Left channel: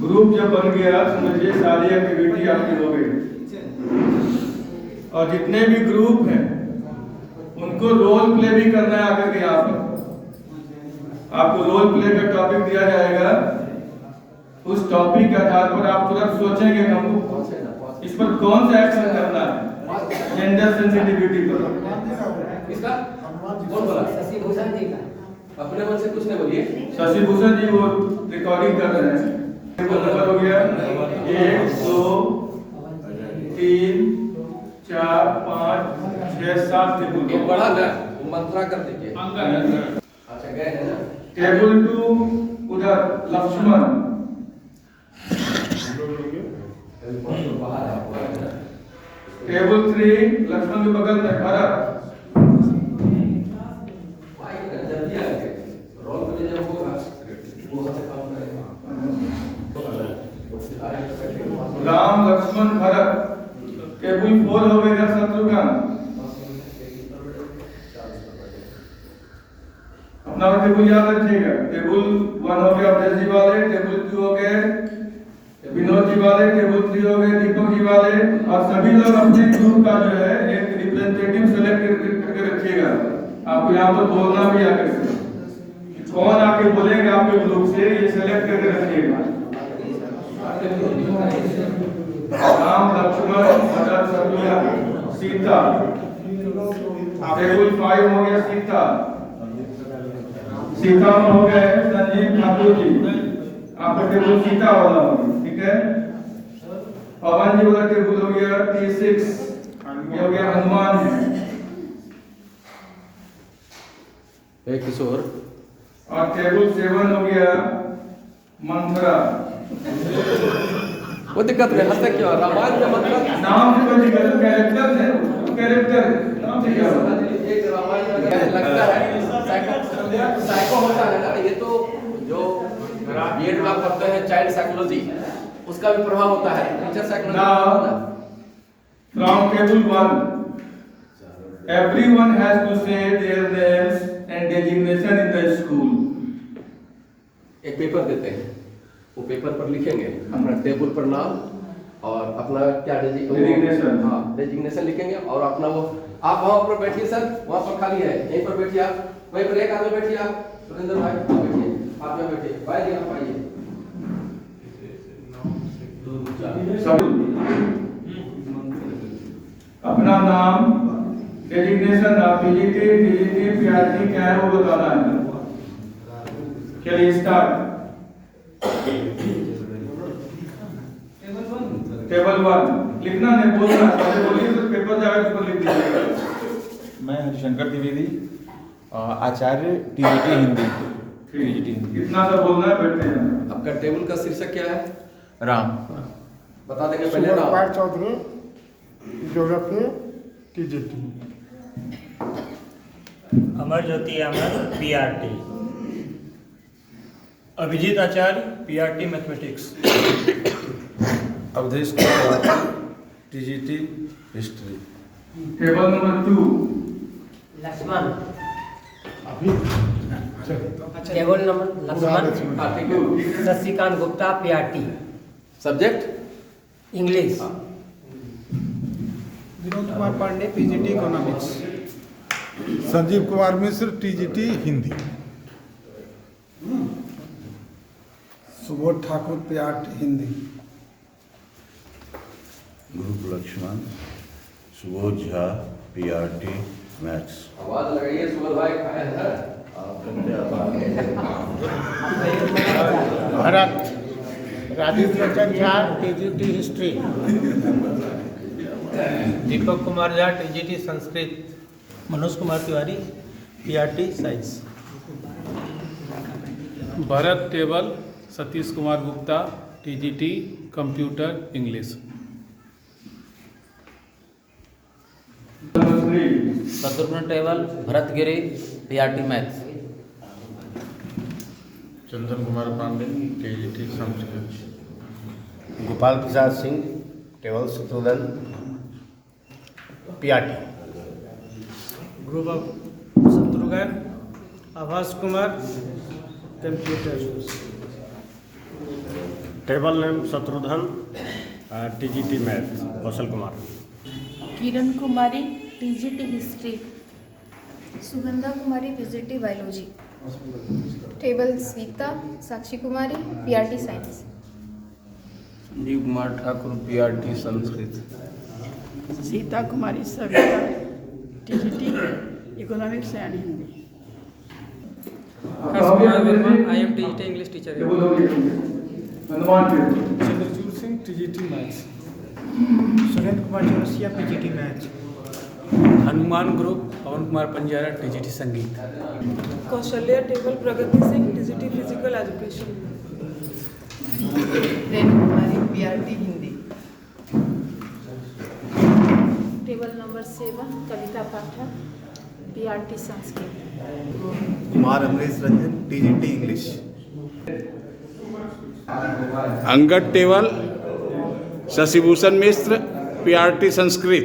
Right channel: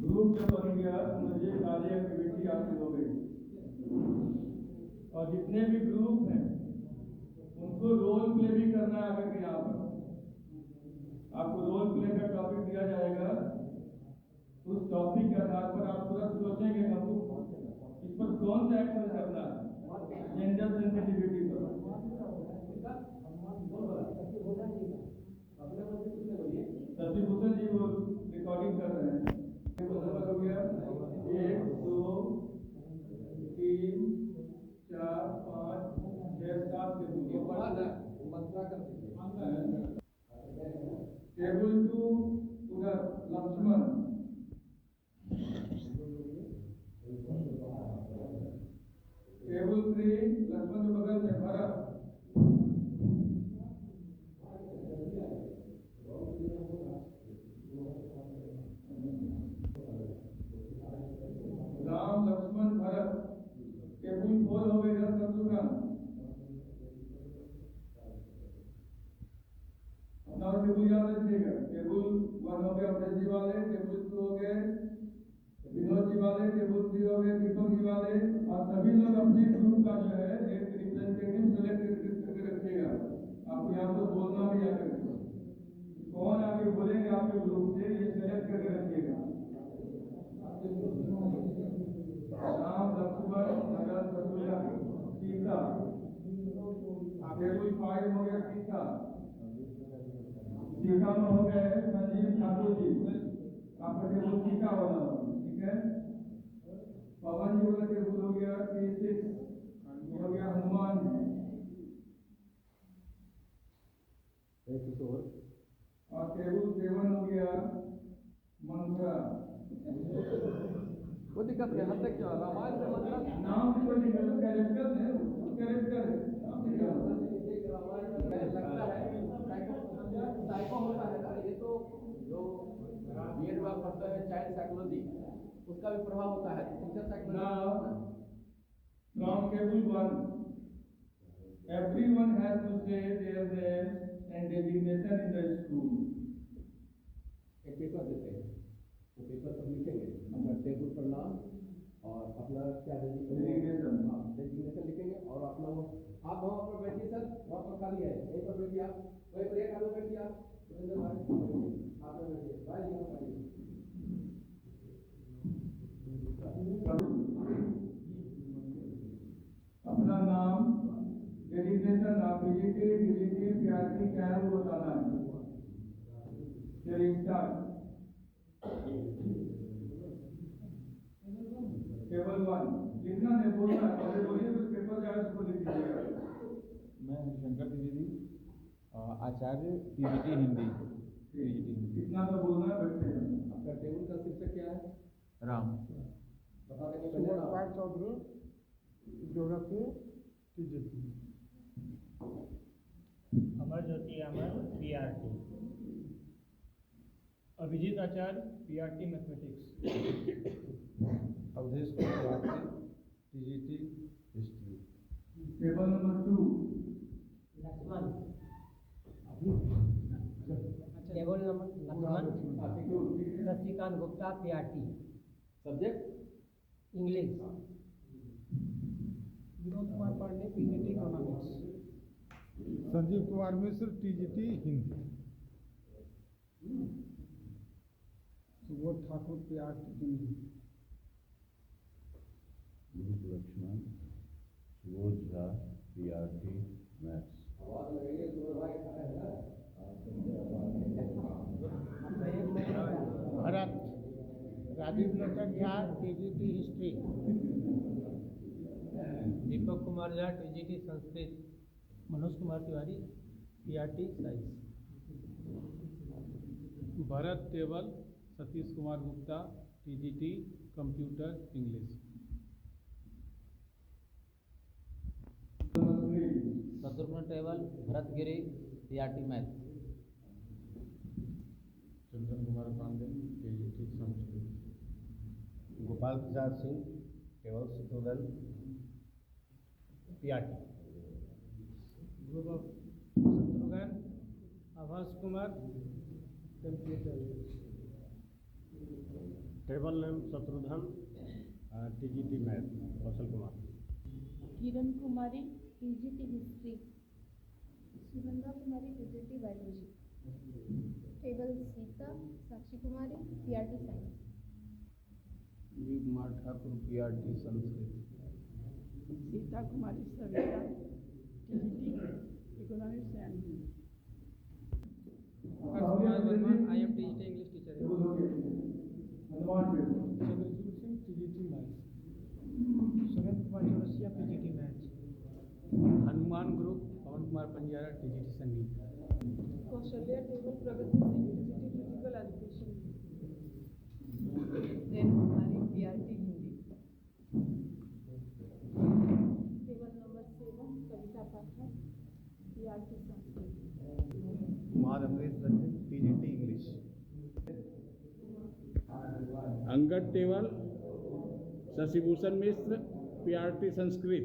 Group जब बन गया समझिए सारी एक्टिविटी आपकी हो गई। और जितने भी ग्रुप हैं उनको रोल प्ले भी करना है आकर के यहाँ पर। आपको रोल प्ले का टॉपिक दिया जाएगा, उस टॉपिक के आधार पर आप तुरंत सोचेंगे कि हमको इस पर कौन सा एक्शन करना है जेंडर सेंसिटिविटी पर। इसका कौन बोला? शशि भूषण जी का। अपने मन से कुछ नहीं बोलिए। शशि भूषण जी वो रिकॉर्डिंग कर रहे हैं। नंबर हो गया 1 2 3 4 5 6 7 टेबल ये बड़ा ना वो मंत्रा कर दीजिए। अच्छा गए हैं ना। टेबल 2 उधर लक्ष्मण, टेबल 3 लक्ष्मण के बगल में भरत, राम लक्ष्मण भरत। टेबल 4 हो गया शत्रुघ्न। अपना टेबल याद रखिएगा। टेबल 1 हो गया अवधेश जी वाले, टेबल 2 हो गए विनोद जी वाले, टेबल 3 हो गए दीपक जी वाले। और सभी लोग अपने ग्रुप का जो है एक रिप्रेजेंटेटिव सेलेक्ट करके रखिएगा। आपको यहाँ पर बोलना भी आकर कौन आके बोलेंगे आपके ग्रुप से, ये सेलेक्ट करके रखिएगा। राम लक्ष्मण भरत शत्रुघ्न सीता। टेबल 5 हो गया सीता। सीता में हो गए संजीव ठाकुर जी। आपका टेबल सीता वाला हो गया, ठीक है। पवन जी वाला टेबल हो गया T6, ये हो गया हनुमान। एक किशोर। और टेबल 7 हो गया मंत्रा। वो दिक्कत है हंसते क्यों? रामायण में मंत्रा नाम से कोई दिक्कत, कैरेक्टर है, कैरेक्टर नाम से क्या होगा? एक रामायण में लगता है साइको होता है ना, ये तो जो बीएड में आप पढ़ते हैं चाइल्ड साइकोलॉजी, उसका भी प्रभाव होता है। Teacher psychology from table 1 everyone has to say their names and designation in the school. एक पेपर देते हैं, वो पेपर पर लिखेंगे अपना टेबल पर नाम और अपना क्या डेजिग्नेशन। हाँ डेजिग्नेशन लिखेंगे और अपना वो आप वहाँ पर बैठिए सर, वहाँ पर खाली है, यहीं पर बैठिए आप, वहीं पर एक आदमी बैठिए आप, सुरेंद्र भाई आप बैठिए, आप यहाँ बैठिए, भाई जी आप आइए। अपना नाम, डेजिग्नेशन, आप टीजीटी पीआरटी क्या है वो बताना है। चलिए स्टार्ट। टेबल 1 लिखना नहीं, बोलना। पहले बोलिए तो पेपर जाएगा, उस पर लिख दीजिएगा। मैं हरिशंकर द्विवेदी, आचार्य टीजीटी हिंदी। कितना सा बोलना है, बैठते हैं। आपका टेबल का शीर्षक क्या है? राम। बता देंगे पहले नाम। Subodh Chaudhary, geography TGT. Amar Jyoti Amar PRT. Abhijit Acharya PRT mathematics. Awadhesh Kumar TGT history. Table number 2 Lakshman. Table number Lakshman हाँ ठीक है। Shashikant Gupta PRT. Subject English. Vinod Kumar Pandey PGT economics. Sanjeev Kumar Mishra TGT Hindi. Subodh Thakur PRT Hindi. Group Lakshman, Subodh Jha PRT maths. आवाज लगाइए सुबोध भाई खाए हैं। Bharat Rajiv Lochan Jha TGT history. Deepak Kumar Jha TGT Sanskrit. Manoj Kumar Tiwari PRT science. Bharat table, Satish Kumar Gupta TGT computer English. Shatrughan table, Bharat Giri PRT maths. Chandan Kumar Pandey TGT Sanskrit. Gopal Prasad Singh table Shatrughan PRT. Group of Shatrughan Abhas Kumar computer. Table name Shatrughan, TGT math Kaushal Kumar. Kiran Kumari TGT history. Sugandha Kumari PGT biology. Table Sweta Sakshi Kumari PRT science. Sanjeev Kumar Thakur PRT Sanskrit. Sita Kumari Savita TGT economics and Hindi. I am TGT English teacher. Chandrachud Singh TGT maths. Surendra Kumar Chaurasia PGT maths. Hanuman group Pawan Kumar Panjara TGT संगीत। Kaushalya table Pragati Singh TGT physical education. Renu Kumari PRT Hindi. Table number 7 Kavita Pathak PRT Sanskrit. Kumar Amrish Ranjan TGT English. Angad table Shashibhushan Mishra PRT Sanskrit.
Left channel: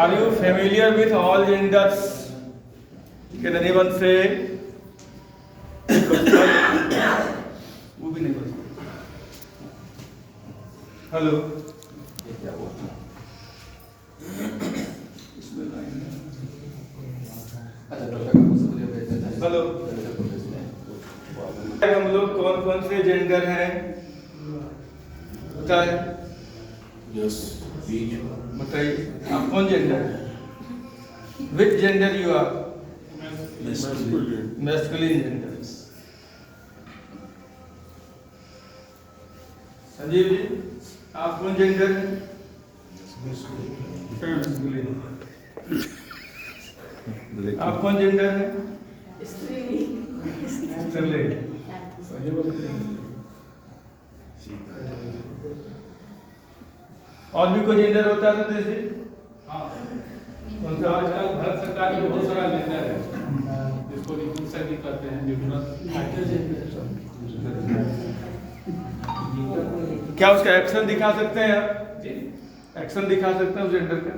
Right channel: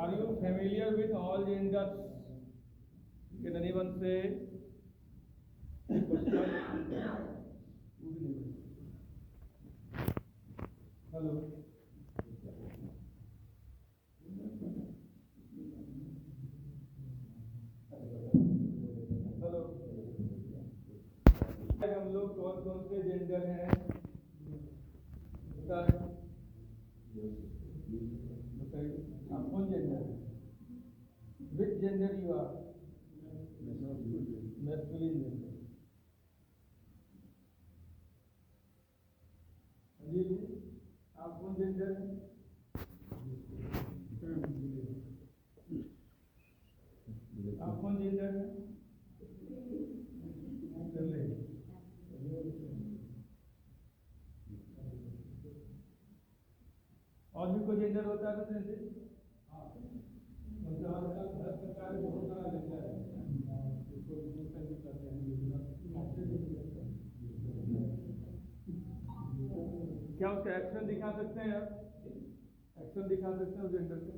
Are you familiar with all genders? Can anyone say? वो भी नहीं बोल सकते। Hello. Hello. हम लोग कौन कौन से जेंडर हैं बताए? बताइए आप कौन जेंडर है? Which gender you are? Masculine gender. Sanjeev ji आप कौन जेंडर है? आप कौन जेंडर है? स्त्री। और भी कोई जेंडर होता है तो जैसे आजकल भारत सरकार में बहुत सारा जेंडर है जिसको रिपुंसक भी कहते हैं। क्या उसका एक्शन दिखा सकते हैं आप? एक्शन दिखा सकते हैं उस जेंडर का?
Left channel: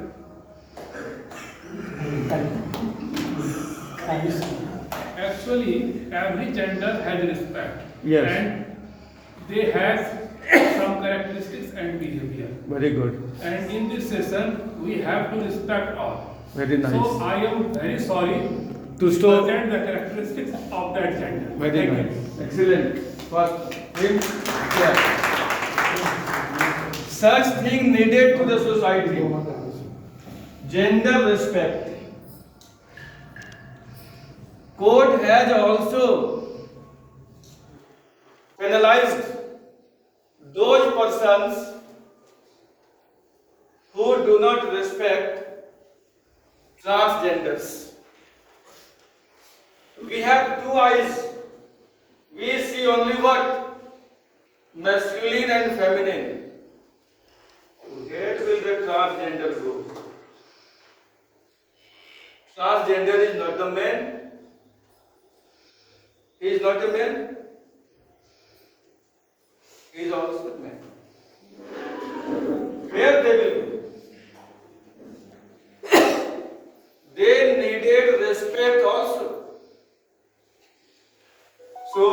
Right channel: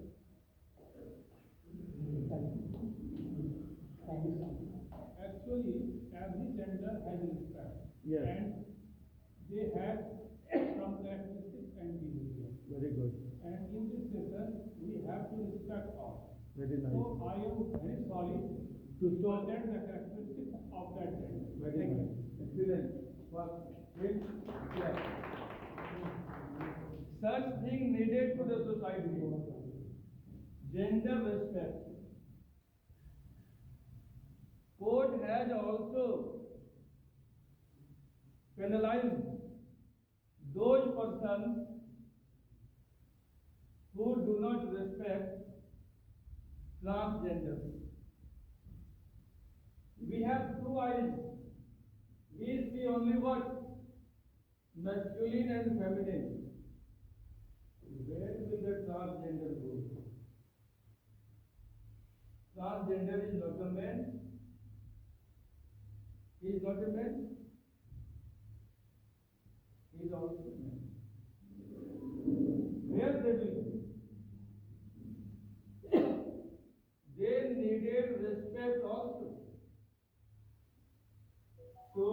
Actually, every gender has respect. Yes. And they have some characteristics and behavior. Very good. And in this session, we have to respect all. Very nice. So I am very sorry To present the characteristics of that gender. Very Thank nice. you. Excellent. First, him. Yeah. Such thing needed to the society. Gender respect. Court has also penalized those persons who do not respect transgenders. We have two eyes. We see only what? Masculine and feminine. Where will the transgender go? Transgender is not a man. He is not a man. He is also a man. Where they will go? They needed respect also. So,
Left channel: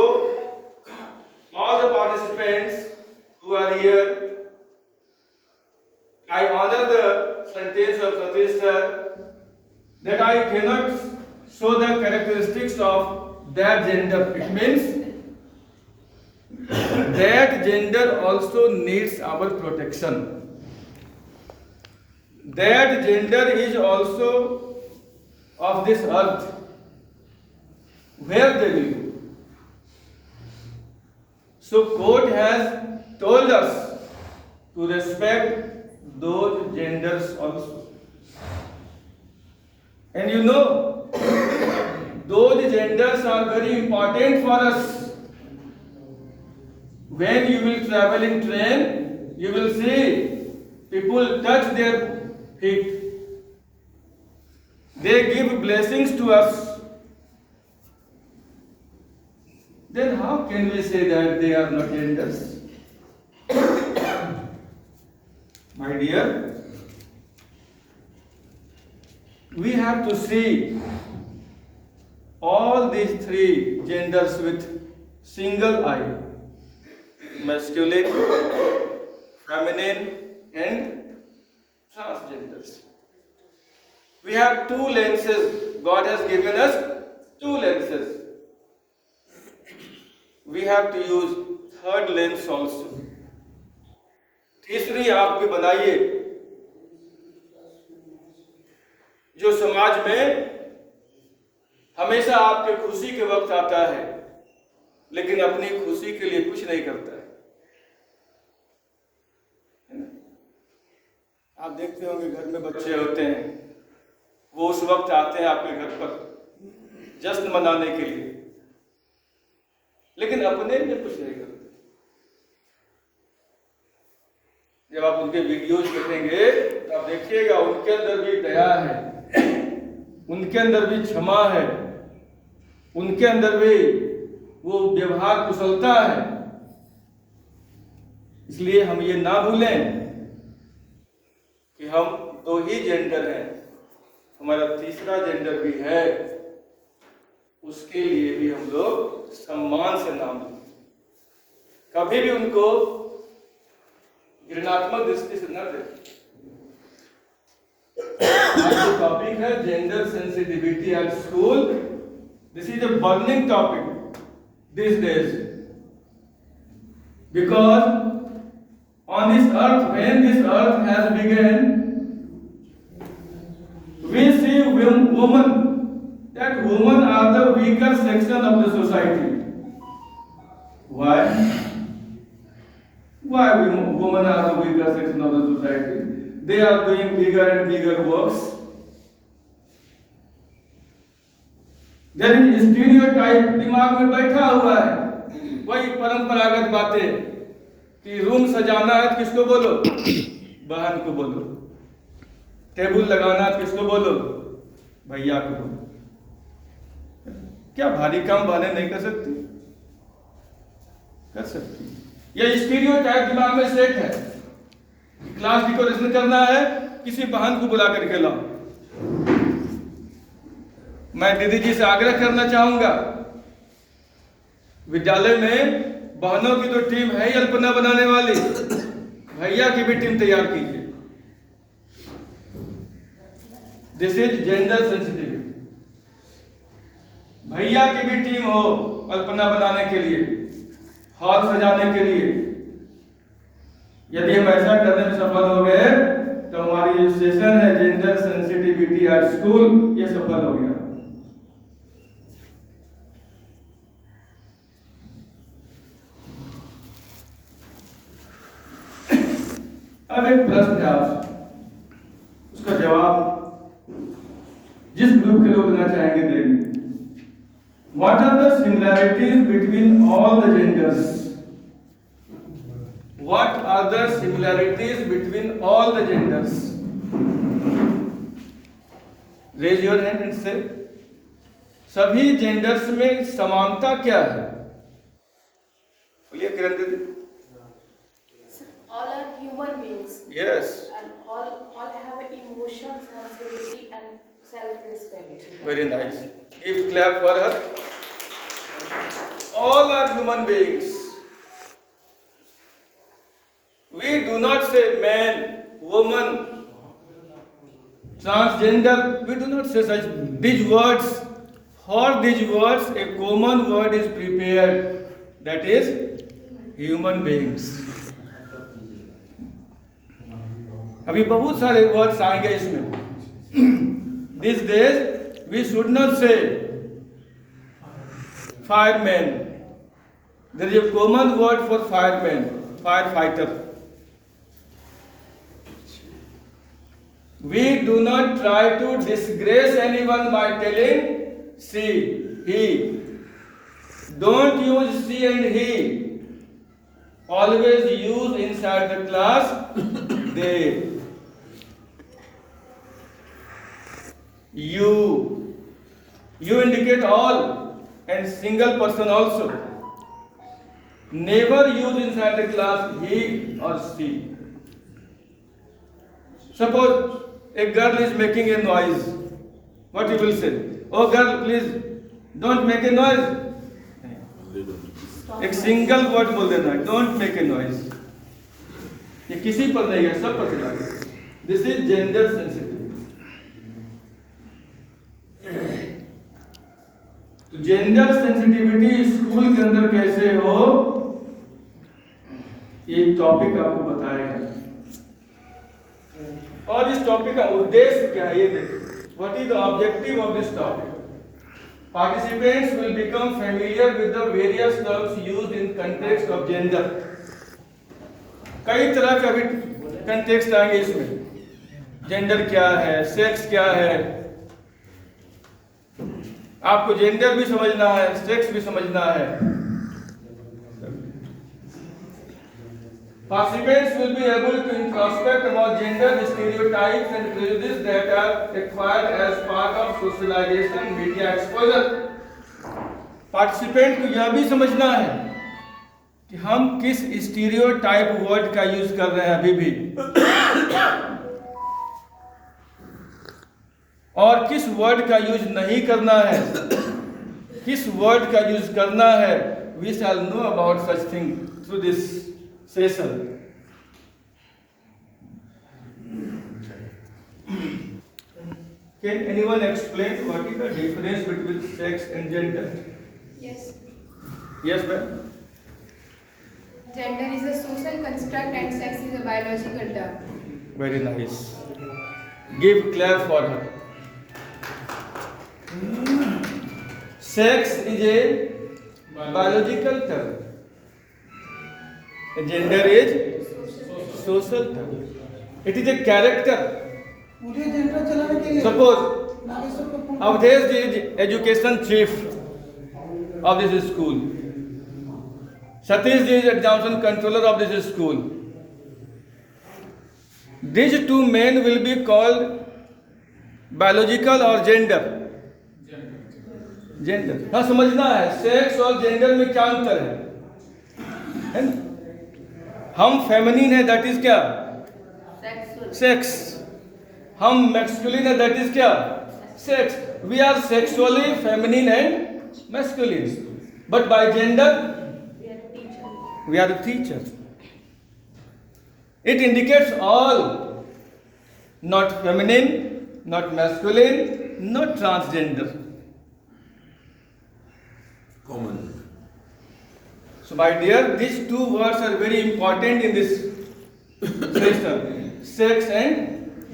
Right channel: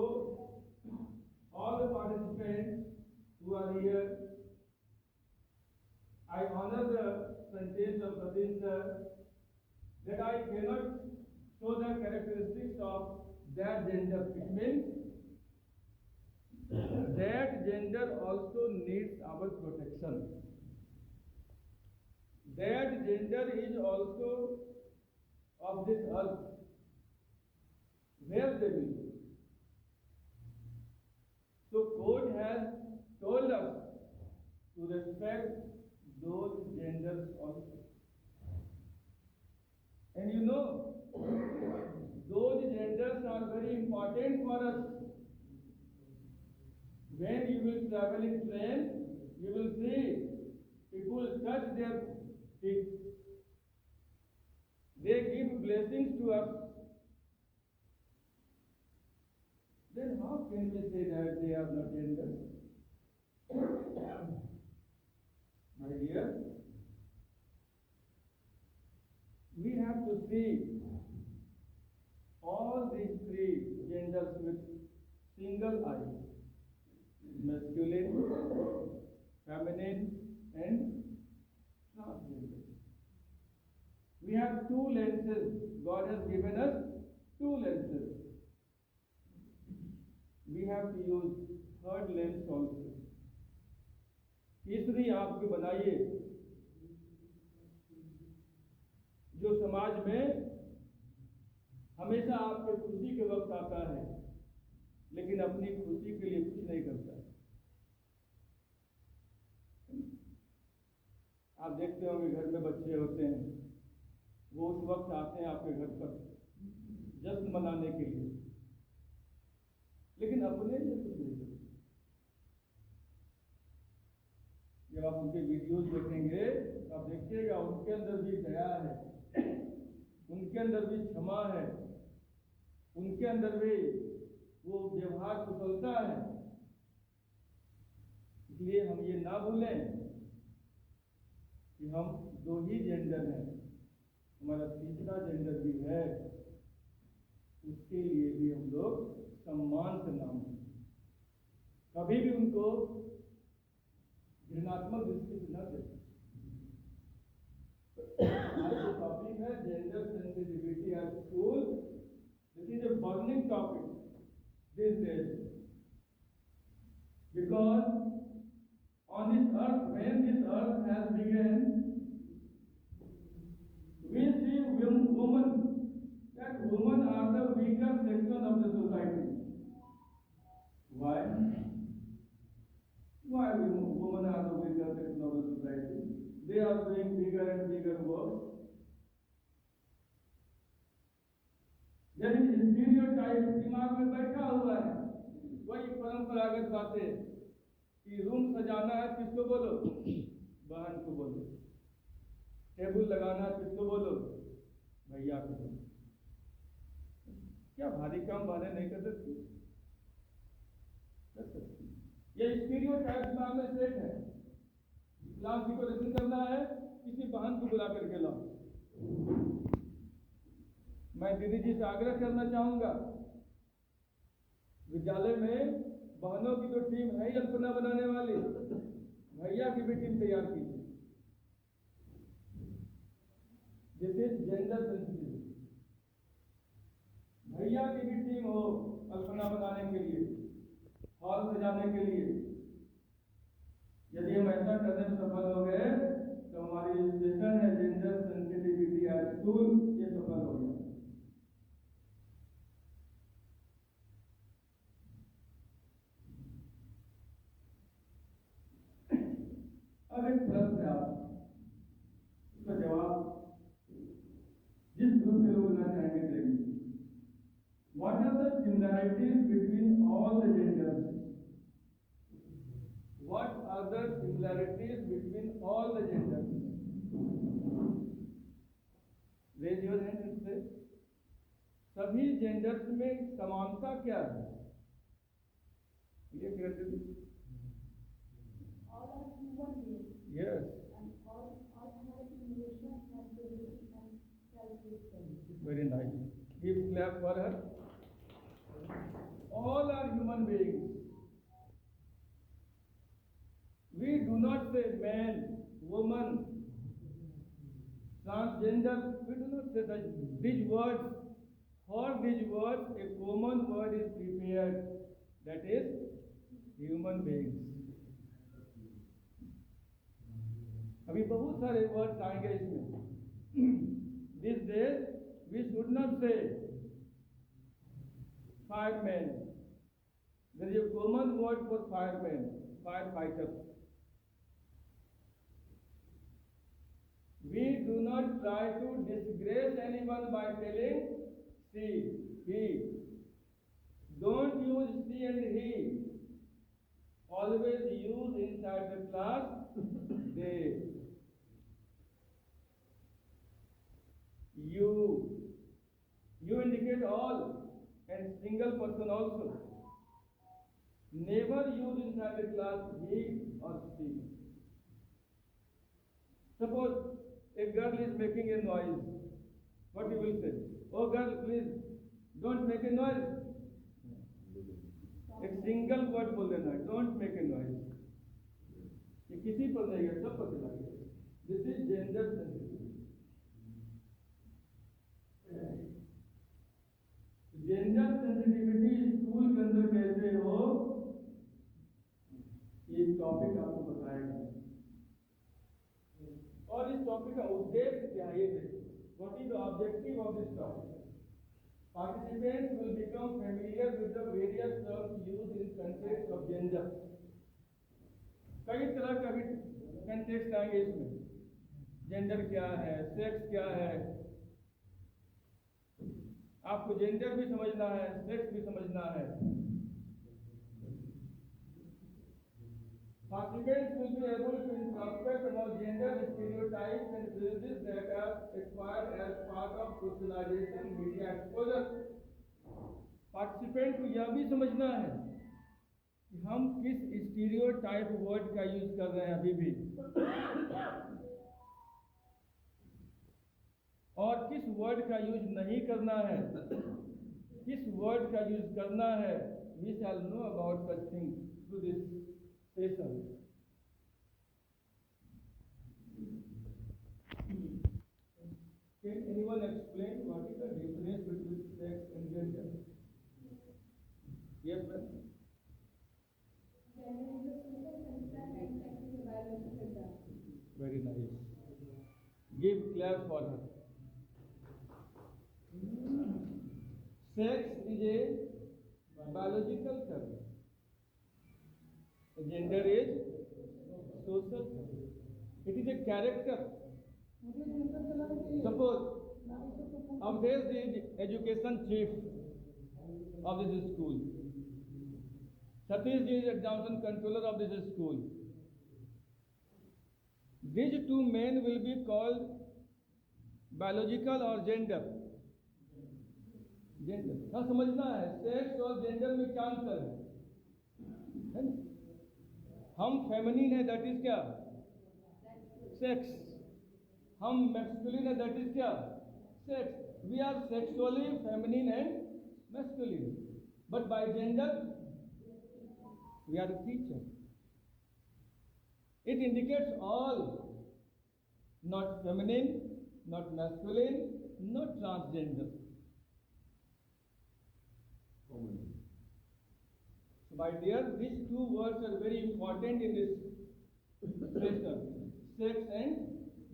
all the participants who are here, I honor the sentence of Satish sir that I cannot show the characteristics of that gender. It means that gender also needs our protection. That gender is also of this earth. Where they will go? So court has told us to respect those genders also. And you know, those genders are very important for us. When you will travel in train, you will see people touch their feet. They give blessings to us. Then how can we say that they are not genders? My dear, we have to see all these three genders with single eye: masculine, feminine, and transgenders. We have two lenses. God has given us two lenses. We have to use third lens also. तीसरी आंख भी बनाइए, जो समाज में हमेशा आपके खुशी के वक्त आता है, लेकिन अपनी खुशी के लिए कुछ नहीं करता है। आप देखते होंगे घर में बच्चे होते हैं, वो उस वक्त आते हैं आपके घर पर जश्न मनाने के लिए, लेकिन अपने लिए कुछ नहीं करते। जब आप उनके वीडियोज देखेंगे तो आप देखिएगा उनके अंदर भी दया है, उनके अंदर भी क्षमा है, उनके अंदर भी वो व्यवहार कुशलता है। इसलिए हम ये ना भूलें कि हम दो ही जेंडर हैं, हमारा तीसरा जेंडर भी है, उसके लिए भी हम लोग सम्मान से नाम लें, कभी भी उनको ऋणात्मक दृष्टि से न देखें। आज जो टॉपिक है gender sensitivity at school, this is a burning topic this days, because on this earth, when this earth has begun, we see women, that women are the weaker section of the society. Why? Why women are the weaker section of the society? They are doing bigger and bigger works. There is stereotype दिमाग में बैठा हुआ है, वही परंपरागत बातें कि room सजाना है तो किसको बोलो? बहन को बोलो। टेबल लगाना है तो किसको बोलो? भैया को बोलो। क्या भारी काम बहनें नहीं कर सकती? कर सकती। यह स्टीरियोटाइप दिमाग में सेट है। क्लास डेकोरेशन करना है, किसी बहन को बुला करके लाओ। मैं दीदी जी से आग्रह करना चाहूंगा, विद्यालय में बहनों की तो टीम है ही अल्पना बनाने वाली, भैया की भी टीम तैयार कीजिए। This is gender sensitivity. भैया की भी टीम हो अल्पना बनाने के लिए, हॉल सजाने के लिए। यदि हम ऐसा करने में सफल हो गए तो हमारी जो सेशन है जेंडर सेंसिटिविटी एट स्कूल, ये सफल हो गया। अब एक प्रश्न है आपसे, उसका जवाब जिस ग्रुप के लोग देना चाहेंगे देंगे। What are the similarities between all the genders? What are the similarities between all the genders? Raise your hand and say. सभी जेंडर्स में समानता क्या है? बोलिए किरण दीदी। All are human beings. Yes. And all have emotions, sensibility, and self-respect. Very nice. Give a clap for her. All are human beings. We do not say man, woman, transgender. We do not say such these words. For these words, a common word is prepared. That is human beings. अभी बहुत सारे words आएंगे इसमें। These days we should not say fireman. There is a common word for fireman, firefighter. We do not try to disgrace anyone by telling she, he. Don't use she and he. Always use inside the class they. You indicate all and single person also. Never use inside the class he or she. Suppose a girl is making a noise What you will say? Oh girl, please don't make a noise. एक single word बोल देना, don't make a noise. ये किसी पर नहीं है, सब पर चला गया। This is gender sensitivity. तो जेंडर सेंसिटिविटी स्कूल के अंदर कैसे हो, ये टॉपिक आपको बताया गया। और इस टॉपिक का उद्देश्य क्या है ये देखिए। What is the objective of this topic? Participants will become familiar with the various terms used in context of gender. कई तरह का भी कंटेक्स्ट आएंगे इसमें। जेंडर क्या है, सेक्स क्या है, आपको जेंडर भी समझना है, सेक्स भी समझना है। Participants will be able to introspect about gender stereotypes and prejudices that are acquired as part of socialization, media exposure. Participant को यह भी समझना है कि हम किस स्टीरियोटाइप वर्ड का यूज कर रहे हैं अभी भी, और किस वर्ड का यूज नहीं करना है, किस वर्ड का यूज करना है। We shall know about such thing through this session. Can anyone explain what is the difference between sex and gender? Yes. Yes, ma'am. Gender is a social construct and sex is a biological term. Very nice. Give Claire for her. Sex is a biological term. Gender is social term. It is a character. Suppose Avdesh ji is education chief of this school. Satish ji is examination controller of this school. These two men will be called biological or gender. Gender. हाँ समझना है, sex और gender में क्या अंतर है ना? हम फेमिनिन है, दैट इज क्या? सेक्स। हम मैस्कुलिन है, दैट इज क्या? Sex. We are sexually feminine and masculine, but by gender we are teacher. It indicates all, not feminine, not masculine, not transgender. Common. So my dear, these two words are very important in this session, sex and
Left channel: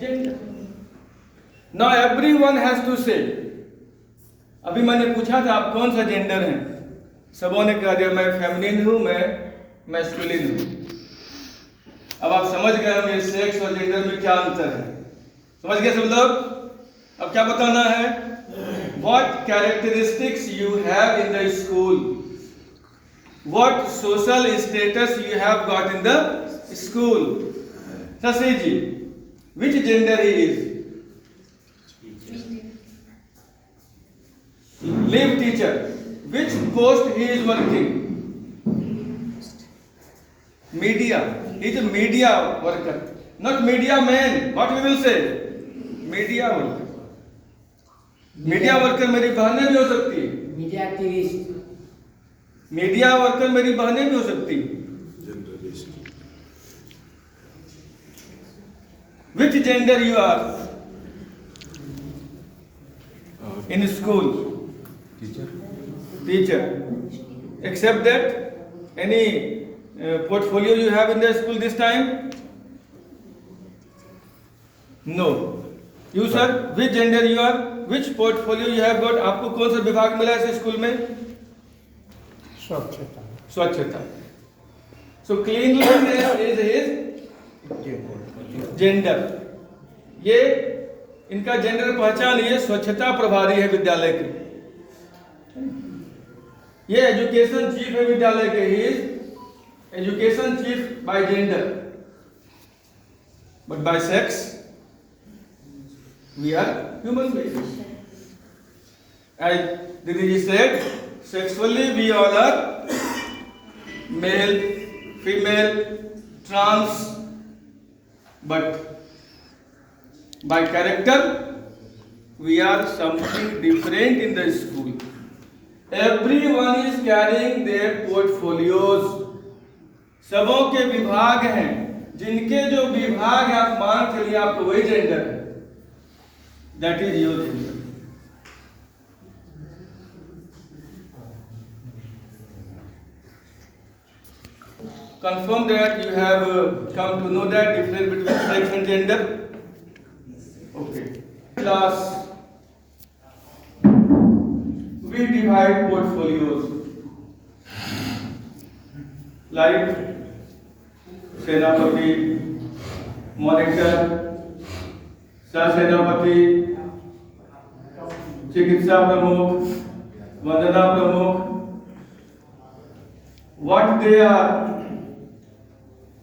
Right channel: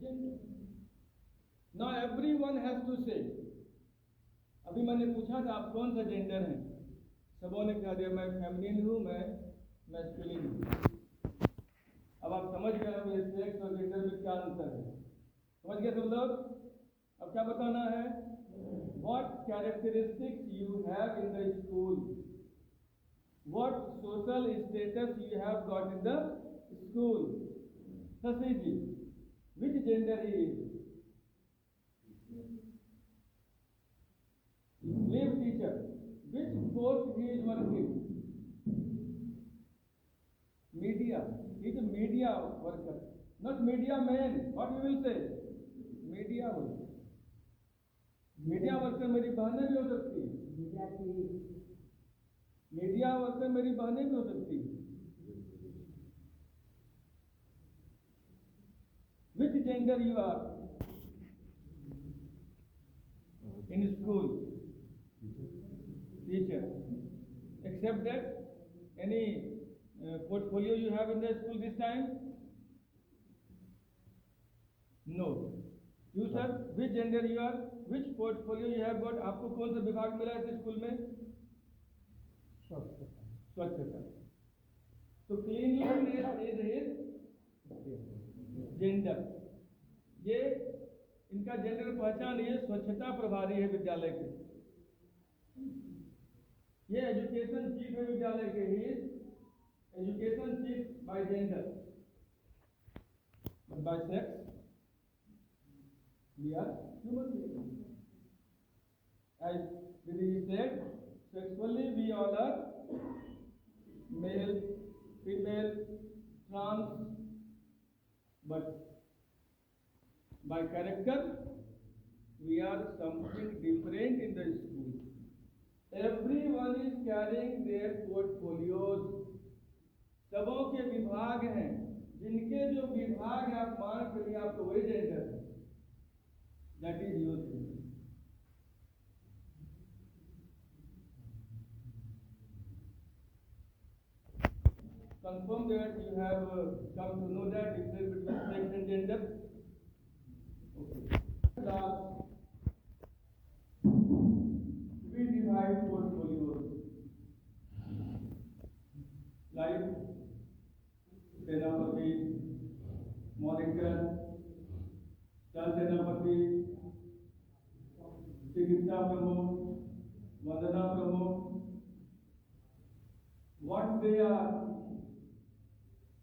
gender. Now everyone has to say, अभी मैंने पूछा था आप कौन सा gender हैं, सबों ने कह दिया मैं फेमिनिन हूँ, मैं मैस्कुलिन हूँ। अब आप समझ गए होंगे सेक्स और जेंडर में क्या अंतर है, समझ गए सब लोग? अब क्या बताना है? What characteristics you have in the school, what social status you have got in the school. Sasi ji, which gender he is? Leave teacher. Which post he is working? Media. He is a media worker, not media man. What we will say? Media worker. Media worker मेरी बहनें भी हो सकती है, media activist. Media worker मेरी बहनें भी हो सकती है। Which gender you are in school? Teacher. Except that any portfolio you have in the school this time? No. You sir, which gender you are? Which portfolio you have got? आपको कौन सा विभाग मिला है इस स्कूल में? स्वच्छता। स्वच्छता। So cleanliness is his gender. ये इनका जेंडर पहचान, ये स्वच्छता प्रभारी है विद्यालय के, ये एजुकेशन चीफ है विद्यालय के, he is education chief by gender, but by sex we are human beings. As Didi said, sexually we all are male, female, trans, but by character we are something different in the school. Everyone is carrying their portfolios. सबों के विभाग हैं, जिनके जो विभाग हैं आप मान चलिए आपको वही जेंडर है, that is your gender. Confirm that you have come to know that difference between sex and gender. Okay. Class, we divide portfolios like सेनापति, मॉनिटर, सहसेनापति, चिकित्सा प्रमुख, वंदना प्रमुख. What they are?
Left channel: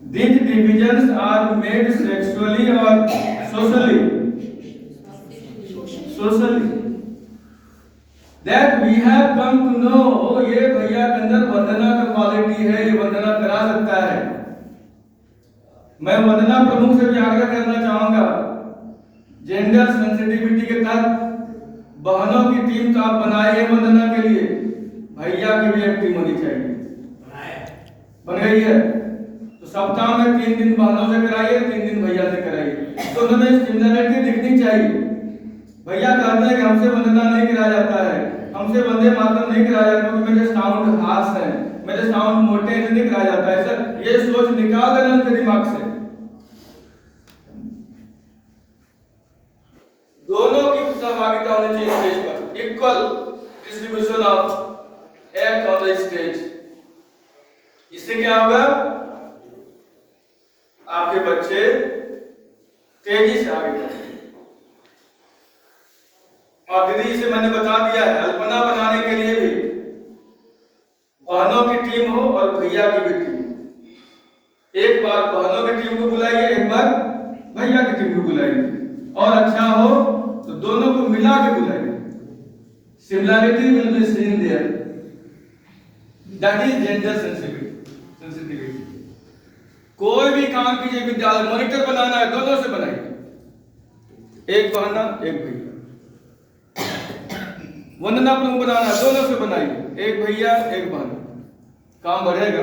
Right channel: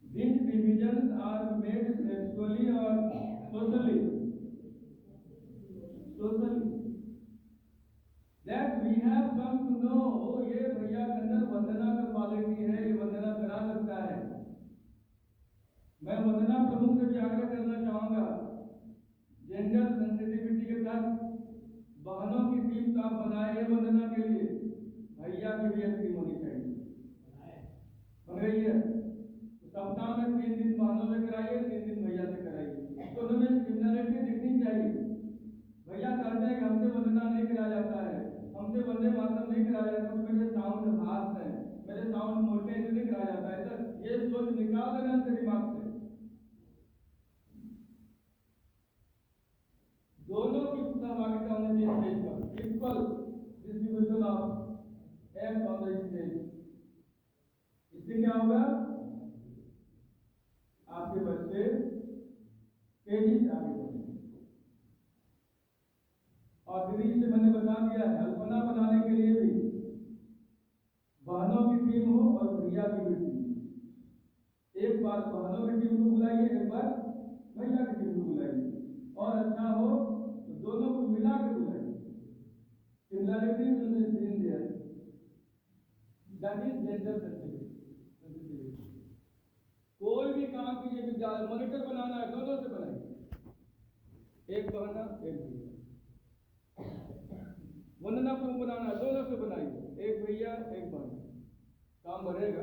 These divisions are made sexually or socially? Socially. That we have come to know, ये भैया के अंदर वंदना का quality है, ये वंदना करा सकता है. मैं वंदना प्रमुख से भी आग्रह करना चाहूंगा, जेंडर सेंसिटिविटी के तहत बहनों की टीम तो आप बनाइए वंदना के लिए, भैया की भी एक टीम होनी चाहिए. बन गई है तो सप्ताह में 3 दिन बहनों से कराइए, 3 दिन भैया से कराइए, तो उन्हें सिमिलरिटी दिखनी चाहिए. भैया कहते हैं कि हमसे वंदना नहीं कराया जाता है, हमसे वंदे मातरम नहीं कराया जाता क्योंकि मेरे साउंड हार्श है, मेरे साउंड मोटे हैं, नहीं कराया जाता है. सर ये सोच निकाल देना उनके दिमाग से. दोनों की सहभागिता होनी चाहिए स्टेज पर, equal distribution of act on the stage. इससे क्या होगा, आपके बच्चे तेजी से आगे बढ़ेंगे. और दीदी से मैंने बता दिया है, अल्पना बनाने के लिए भी बहनों की टीम हो और भैया की भी टीम. एक बार बहनों की टीम को बुलाइए, एक बार भैया की टीम को बुलाइए, और अच्छा हो तो दोनों को मिला के बुलाइए. Similarity will be seen there. That is gender sensitivity. कोई भी काम कीजिए, विद्यालय मॉनिटर बनाना है, दोनों से बनाइए, एक बहना एक भैया. वंदना प्रमुख बनाना है, दोनों से बनाइए, एक भैया एक बहन. काम बढ़ेगा,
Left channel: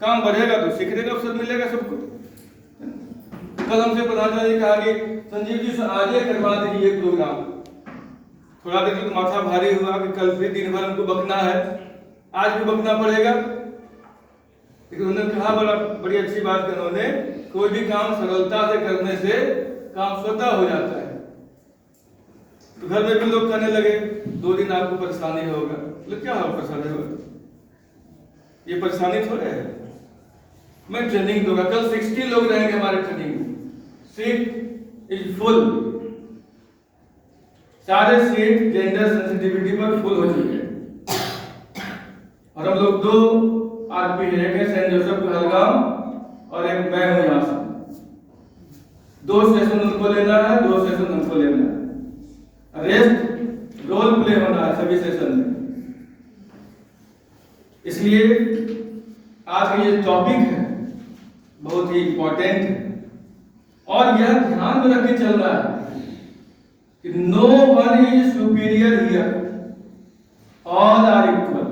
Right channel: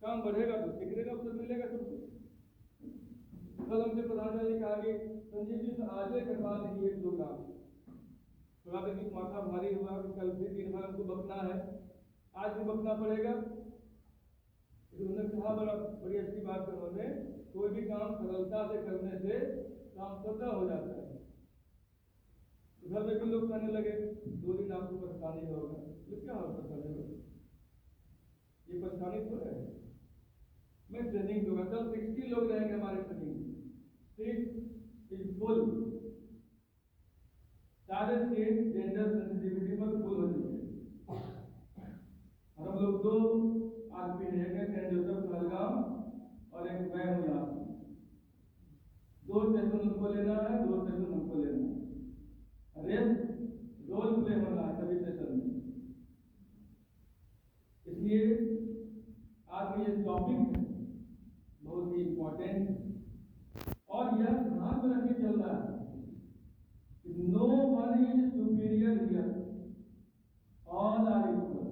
काम बढ़ेगा तो सीखने का अवसर मिलेगा सबको. कल हमसे प्रधानमंत्री ने कहा कि संजीव जी से आज ही करवा दीजिए प्रोग्राम. थोड़ा देर तो माथा भारी हुआ कि कल फिर दिन भर हमको बकना है, आज भी बकना पड़ेगा. लेकिन उन्होंने कहा बड़ी अच्छी बात की, उन्होंने कोई भी काम सरलता से करने से काम स्वतः हो जाता है. तो घर में भी लोग कहने लगे 2 दिन आपको परेशानी होगा. बोले क्या होगा परेशानी होगा, ये परेशानी थोड़े है. मैं ट्रेनिंग दूंगा, कल 60 लोग रहेंगे हमारे ट्रेनिंग में. सीट इज फुल, सारे सीट जेंडर सेंसिटिविटी पर फुल हो चुके हैं. और हम लोग 2 आरपी है, एक है सेंट जोसेफ कहलगांव और एक मैं हूं यहाँ से. 2 सेशन उनको लेना है, 2 सेशन उनको लेना है. रेस्ट रोल प्ले होना है सभी सेशन में. इसलिए आज का ये टॉपिक है बहुत ही इंपॉर्टेंट है, और यह ध्यान में रख के चलना है कि no one is superior here, all are equal.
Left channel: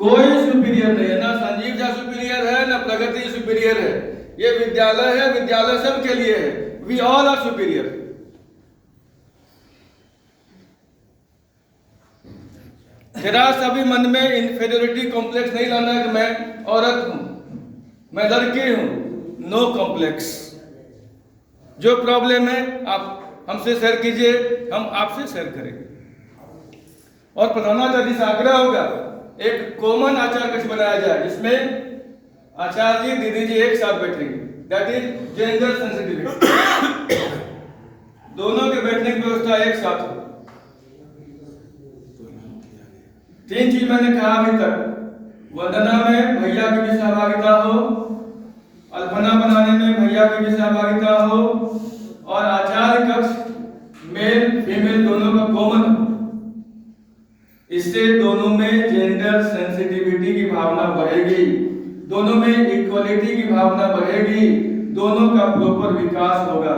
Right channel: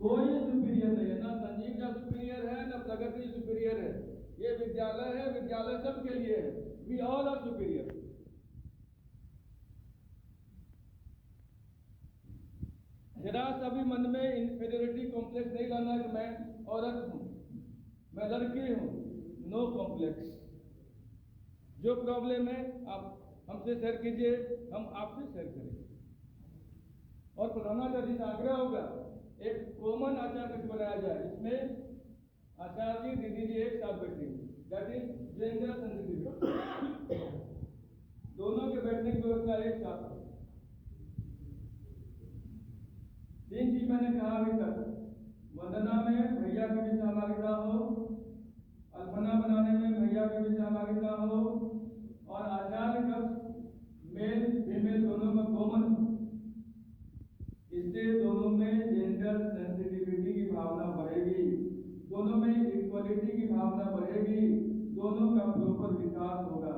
कोई सुपीरियर नहीं है, ना संजीव झा सुपीरियर है, ना प्रगति सुपीरियर है. ये विद्यालय है, विद्यालय सबके लिए है. We all are superior. जरा सभी मन में इंफीरियरिटी कॉम्प्लेक्स नहीं लाना है कि मैं औरत हूं, मैं लड़की हूं. No complex. जो प्रॉब्लम है आप हमसे शेयर कीजिए, हम आपसे शेयर करेंगे. और प्रधानाचार्य से आग्रह होगा एक कॉमन आचार कक्ष बनाया जाए जिसमें आचार्य जी दीदी जी एक साथ बैठेंगे. That is gender sensitivity. दोनों के बैठने की व्यवस्था एक साथ हो. 3 चीज मैंने कहा अभी तक. वंदना में भैया की भी सहभागिता हो, अल्पना बनाने में भैया की भी सहभागिता हो, और आचार्य कक्ष मेल फीमेल दोनों का कॉमन हो. इससे दोनों में जेंडर सेंसिटिविटी की भावना बढ़ेगी, दोनों में इक्वलिटी की भावना बढ़ेगी, दोनों का प्रॉपर विकास होगा.